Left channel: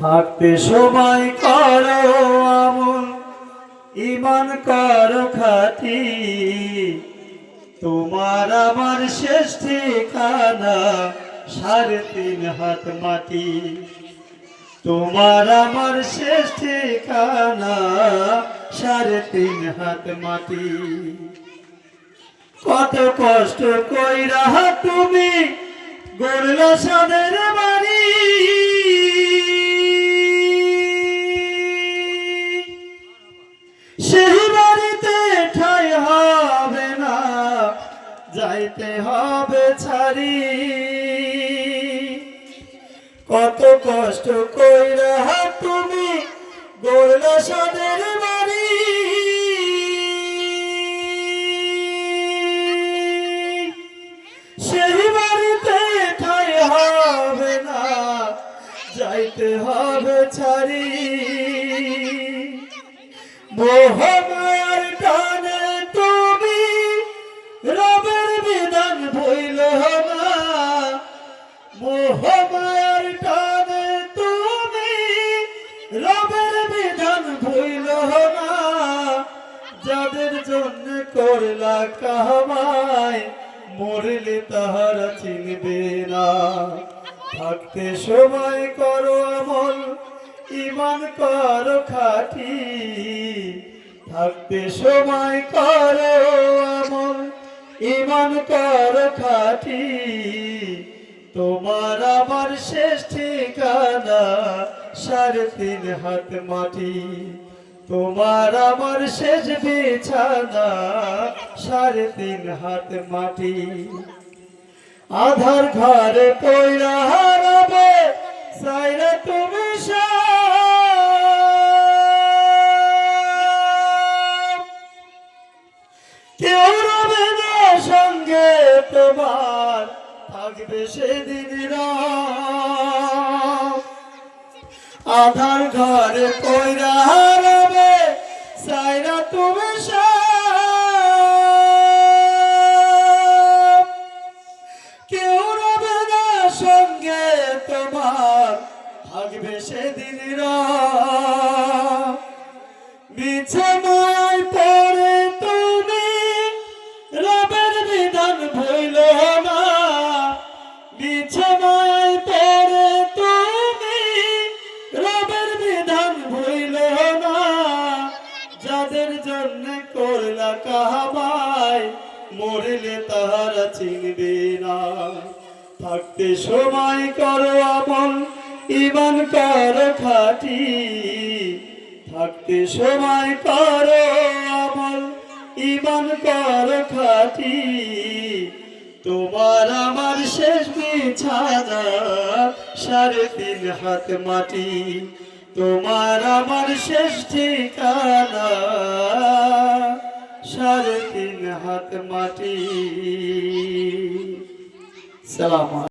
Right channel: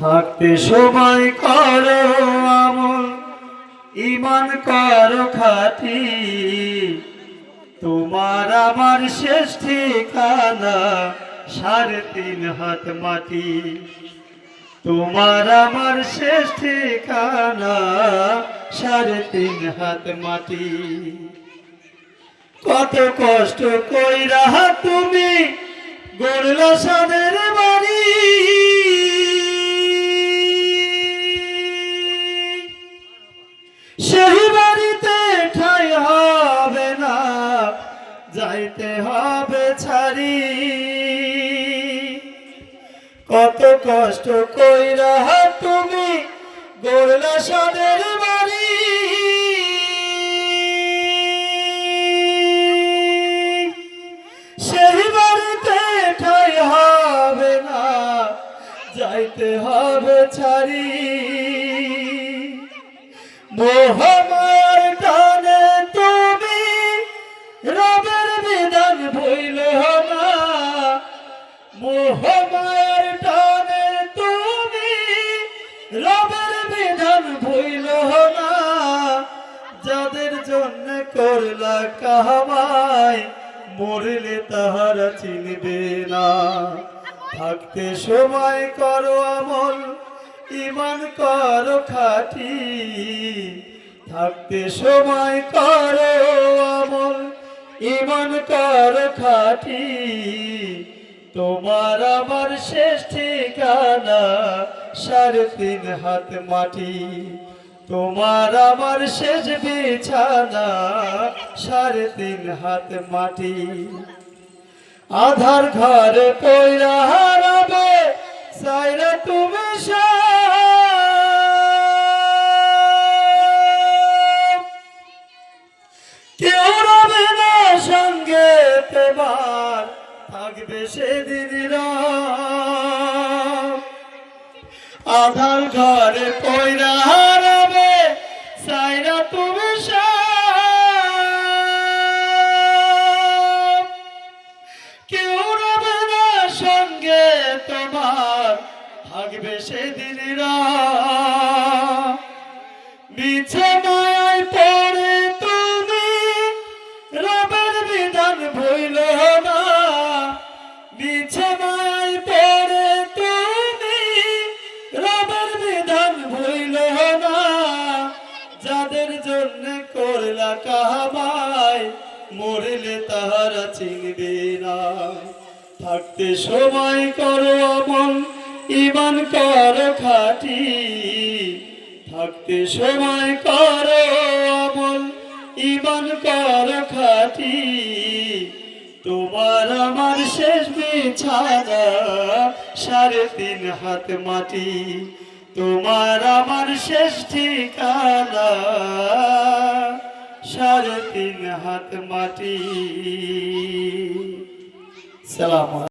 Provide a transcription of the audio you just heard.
থাকতে সময় করো আমল, ঈমান করো খাঁটি। তোমার আমার শেষ ঠিকানা 3.5 হাত মাটি। তোমার আমার শেষ ঠিকানা 3.5 হাত মাটি। কত কষ্ট কইরা তুমি গড়লা সাদের বাড়ি, সেই বাড়িতে ঠাঁই হবে না, যাইতে হবে ছাড়ি। কত কষ্ট কইরা তুমি গড়লা সাদের বাড়ি, সেই বাড়িতে ঠাঁই হবে না, যাইতে হবে ছাড়ি। মোহমায়ার টানে তুমি রবের বিধান ভইল না, মোহমায়ার টানে তুমি রবের বিধান ভইল না। যাদের জন্য করলা কামাই, মরলে তাহারা চিনবে না। থাকতে সময় করো আমল, ঈমান করো খাঁটি। থাকতে সময় করো আমল, ঈমান করো খাঁটি। তোমার আমার শেষ ঠিকানা 3.5 হাত মাটি। তোমার আমার শেষ বিছানা 3.5 হাত মাটি। আধার ঘরে পয়রা হারাবে সাইরা তুমি, কেউ রবে না সঙ্গে তোমার, থাকবে সেদিন রাত। আধার ঘরে পয়রা হারাবে সাইরা তুমি, কেউ রবে না সঙ্গে তোমার, থাকবে সেদিন রাত। মিছে মায়ায় পড়ে তুমি রবের বিধান ভইল না, মিছে মায়ায় পড়ে তুমি রবের বিধান ভইল না। যাদের জন্য করলা কামাই, মরলে তাহারা চিনবে না। থাকতে সময় করো আমল, ঈমান করো খাঁটি। থাকতে সময় করো আমল, ঈমান করো খাঁটি। তোমার আমার শেষ বিছানা 3.5 হাত মাটি। তোমার আমার শেষ ঠিকানা 3.5 হাত মাটি। সালাম।